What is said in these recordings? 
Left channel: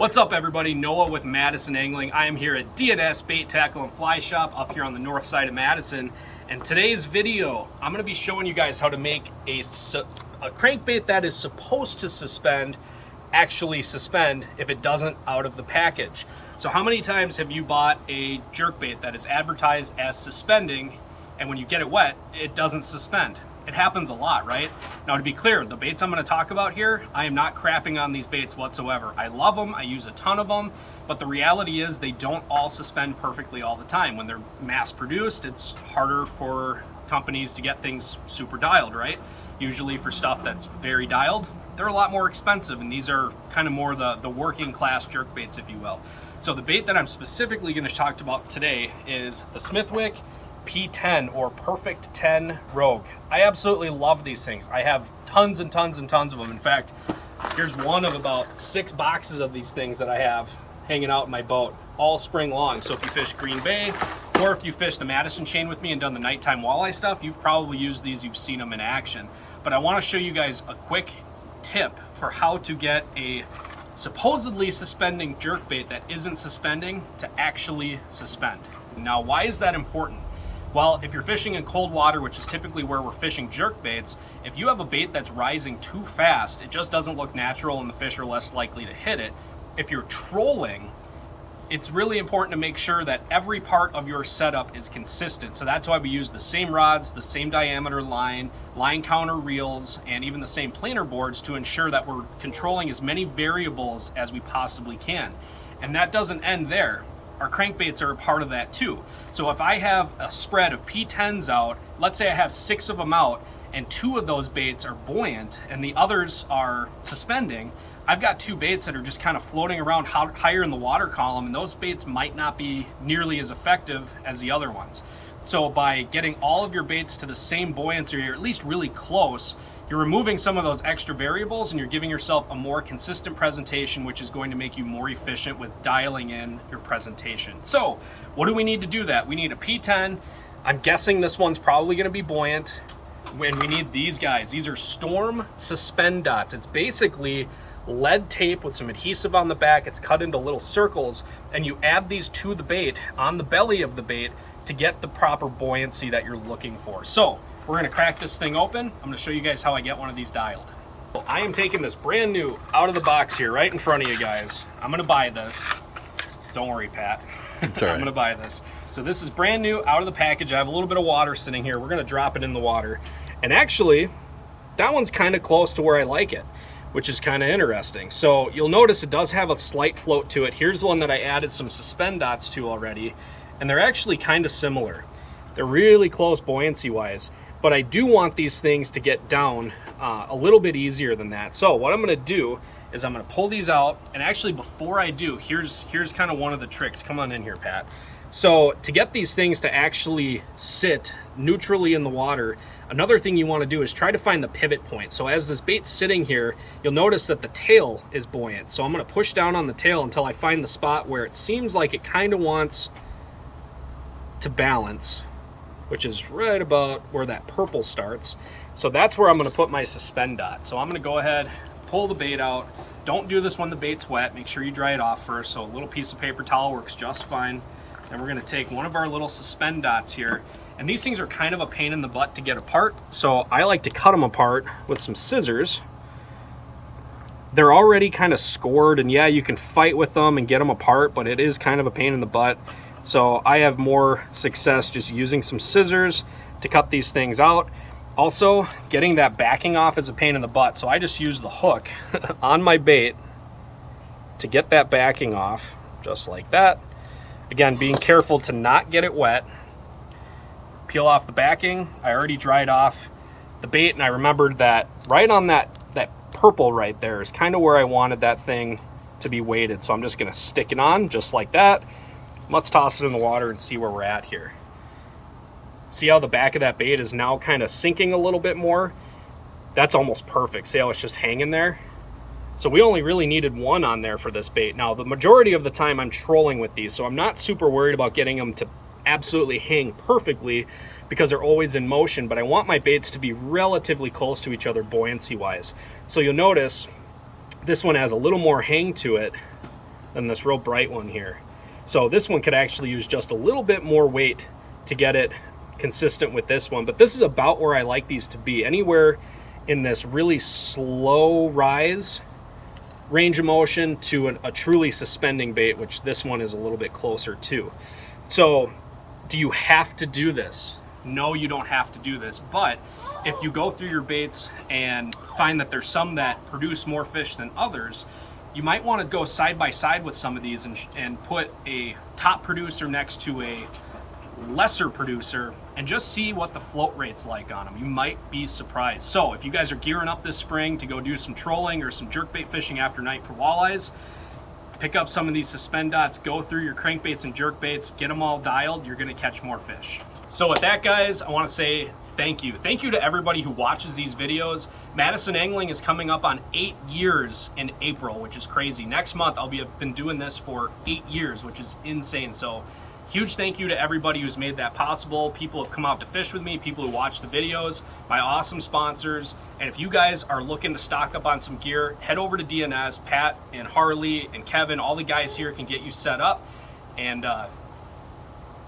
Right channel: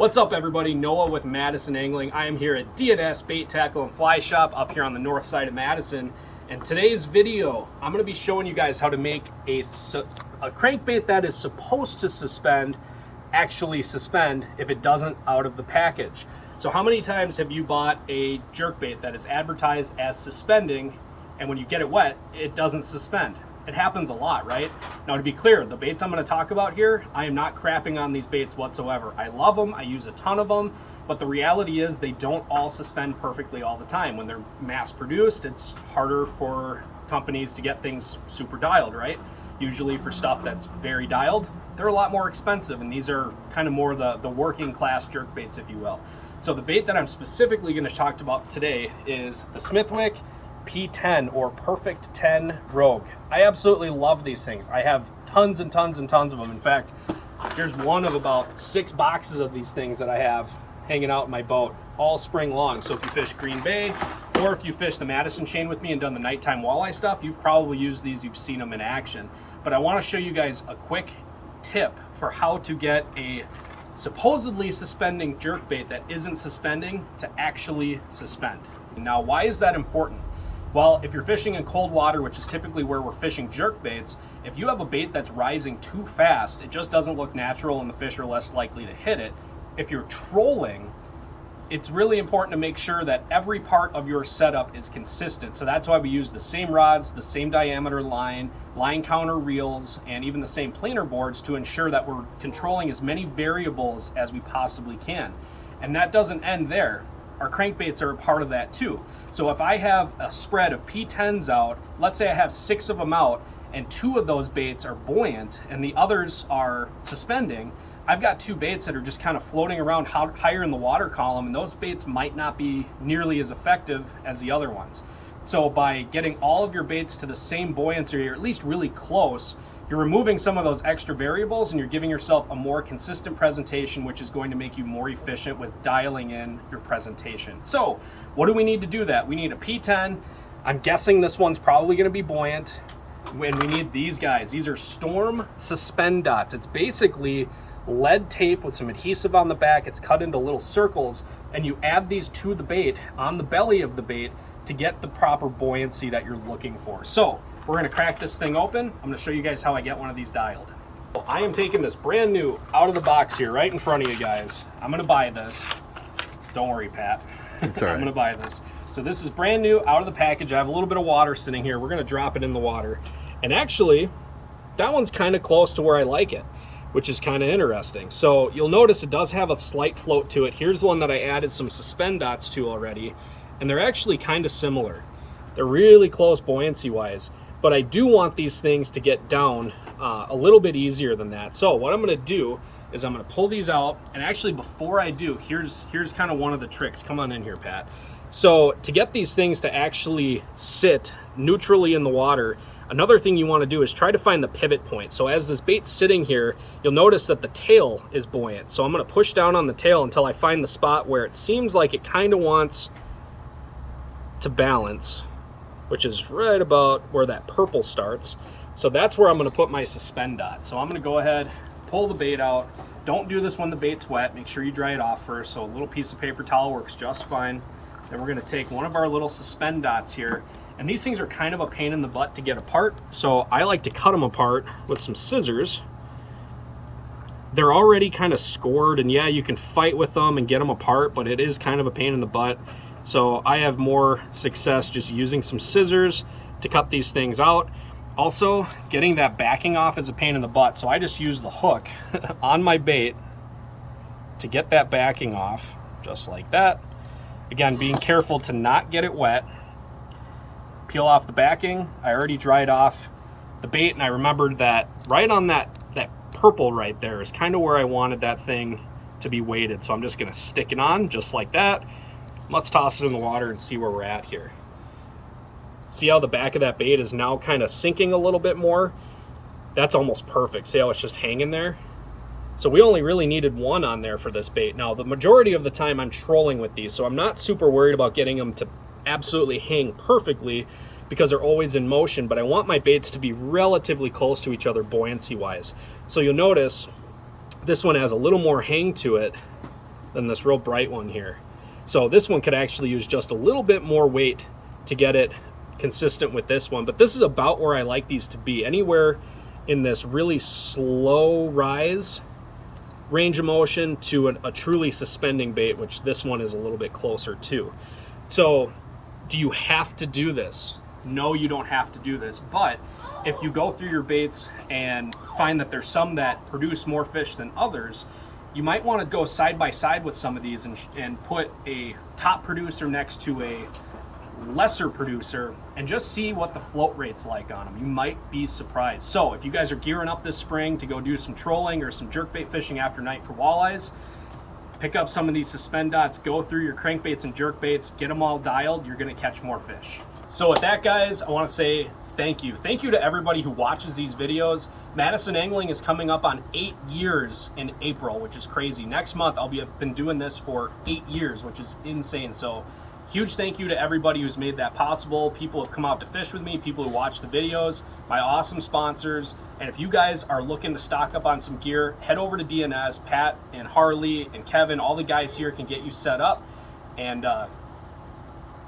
What's up, everybody? Noah with Madison Angling. I am here at D&S Bait, Tackle, and Fly Shop up here on the north side of Madison. And today's video, I'm going to be showing you guys how to make a crankbait that is supposed to suspend actually suspend if it doesn't out of the package. So how many times have you bought a jerkbait that is advertised as suspending, and when you get it wet, it doesn't suspend? It happens a lot, right? Now, to be clear, the baits I'm going to talk about here, I am not crapping on these baits whatsoever. I love them, I use a ton of them, but the reality is they don't all suspend perfectly all the time. When they're mass produced, it's harder for companies to get things super dialed, right? Usually for stuff that's very dialed, they're a lot more expensive, and these are kind of more the working class jerk baits, if you will. So the bait that I'm specifically going to talk about today is the Smithwick P10 or Perfect 10 Rogue. I absolutely love these things. I have tons and tons and tons of them. In fact, here's one of about 6 boxes of these things that I have hanging out in my boat all spring long. So if you fish Green Bay, or if you fish the Madison chain with me and done the nighttime walleye stuff, you've probably used these, you've seen them in action. But I want to show you guys a quick tip for how to get a supposedly suspending jerkbait that isn't suspending to actually suspend. Now, why is that important? Well, if you're fishing in cold water, which is typically where we're fishing jerk baits, if you have a bait that's rising too fast, it just doesn't look natural and the fish are less likely to hit it. If you're trolling, it's really important to make sure that every part of your setup is consistent. So that's why we use the same rods, the same diameter line counter reels, and even the same planer boards to ensure that we're controlling as many variables as we possibly can. And that doesn't end there. Our crankbaits are a part of that too. So if I have a spread of P10s out, let's say I have 6 of them out and 2 of those baits are buoyant and the others are suspending, I've got 2 baits that are just kind of floating around higher in the water column, and those baits might not be nearly as effective as the other ones. So by getting all of your baits to the same buoyancy, or at least really close, you're removing some of those extra variables and you're giving yourself a more consistent presentation, which is going to make you more efficient with dialing in your presentation. So what do we need to do that? We need a P10. I'm guessing this one's probably going to be buoyant. And we need these guys. These are Storm Suspendots. It's basically lead tape with some adhesive on the back. It's cut into little circles, and you add these to the bait on the belly of the bait to get the proper buoyancy that you're looking for. So we're going to crack this thing open. I'm going to show you guys how I get one of these dialed. Well, I am taking this brand new out of the box here right in front of you guys. I'm going to buy this. Don't worry, Pat. It's all right. I'm going to buy this. So this is brand new out of the package. I have a little bit of water sitting here. We're going to drop it in the water. And actually, that one's kind of close to where I like it, which is kind of interesting. So you'll notice it does have a slight float to it. Here's one that I added some Suspendots to already, and they're actually kind of similar. They're really close buoyancy wise, but I do want these things to get down a little bit easier than that. So what I'm going to do is I'm going to pull these out, and actually before I do, here's kind of one of the tricks. Come on in here, Pat. So to get these things to actually sit neutrally in the water, another thing you want to do is try to find the pivot point. So as this bait's sitting here, you'll notice that the tail is buoyant. So I'm going to push down on the tail until I find the spot where it seems like it kind of wants to balance, which is right about where that purple starts. So that's where I'm going to put my suspend dot. So I'm going to go ahead, pull the bait out. Don't do this when the bait's wet. Make sure you dry it off first. So a little piece of paper towel works just fine. Then we're going to take one of our little suspend dots here. And these things are kind of a pain in the butt to get apart. So I like to cut them apart with some scissors. They're already kind of scored, and yeah, you can fight with them and get them apart, but it is kind of a pain in the butt. So I have more success just using some scissors to cut these things out. Also, getting that backing off is a pain in the butt. So I just use the hook on my bait to get that backing off, just like that. Again, being careful to not get it wet. Peel off the backing. I already dried off the bait, and I remembered that right on that purple right there is kind of where I wanted that thing to be weighted. So I'm just going to stick it on just like that. Let's toss it in the water and see where we're at here. See how the back of that bait is now kind of sinking a little bit more? That's almost perfect. See how it's just hanging there? So we only really needed one on there for this bait. Now, the majority of the time I'm trolling with these, so I'm not super worried about getting them to absolutely hang perfectly because they're always in motion, but I want my baits to be relatively close to each other buoyancy wise. So you'll notice this one has a little more hang to it than this real bright one here. So this one could actually use just a little bit more weight to get it consistent with this one, but this is about where I like these to be, anywhere in this really slow rise range of motion to a truly suspending bait, which this one is a little bit closer to. So do you have to do this? No, you don't have to do this, but if you go through your baits and find that there's some that produce more fish than others, you might want to go side by side with some of these and put a top producer next to a lesser producer and just see what the float rate's like on them. You might be surprised. So if you guys are gearing up this spring to go do some trolling or some jerkbait fishing after night for walleyes, pick up some of these Suspendots, go through your crankbaits and jerkbaits, get them all dialed, you're gonna catch more fish. So with that, guys, I wanna say thank you. Thank you to everybody who watches these videos. Madison Angling is coming up on 8 years in April, which is crazy. Next month, I've been doing this for 8 years, which is insane. So huge thank you to everybody who's made that possible. People have come out to fish with me, people who watch the videos, my awesome sponsors. And if you guys are looking to stock up on some gear, head over to DNS. Pat and Harley and Kevin, all the guys here can get you set up. And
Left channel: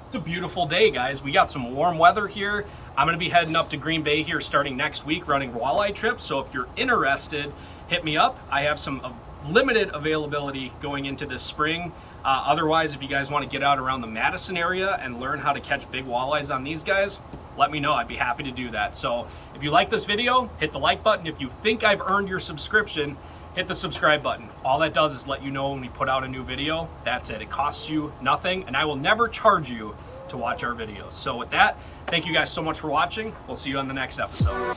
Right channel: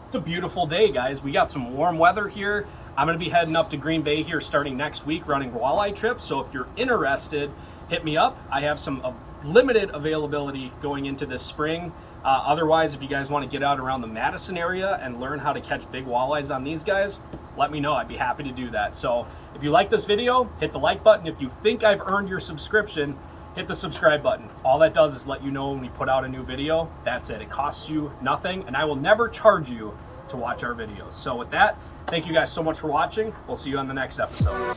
it's a beautiful day, guys. We got some warm weather here. I'm gonna be heading up to Green Bay here starting next week, running walleye trips. So if you're interested, hit me up. I have some limited availability going into this spring. Otherwise, if you guys want to get out around the Madison area and learn how to catch big walleyes on these guys, let me know. I'd be happy to do that. So if you like this video, hit the like button. If you think I've earned your subscription, hit the subscribe button. All that does is let you know when we put out a new video. That's it. It costs you nothing, and I will never charge you to watch our videos. So with that, thank you guys so much for watching. We'll see you on the next episode.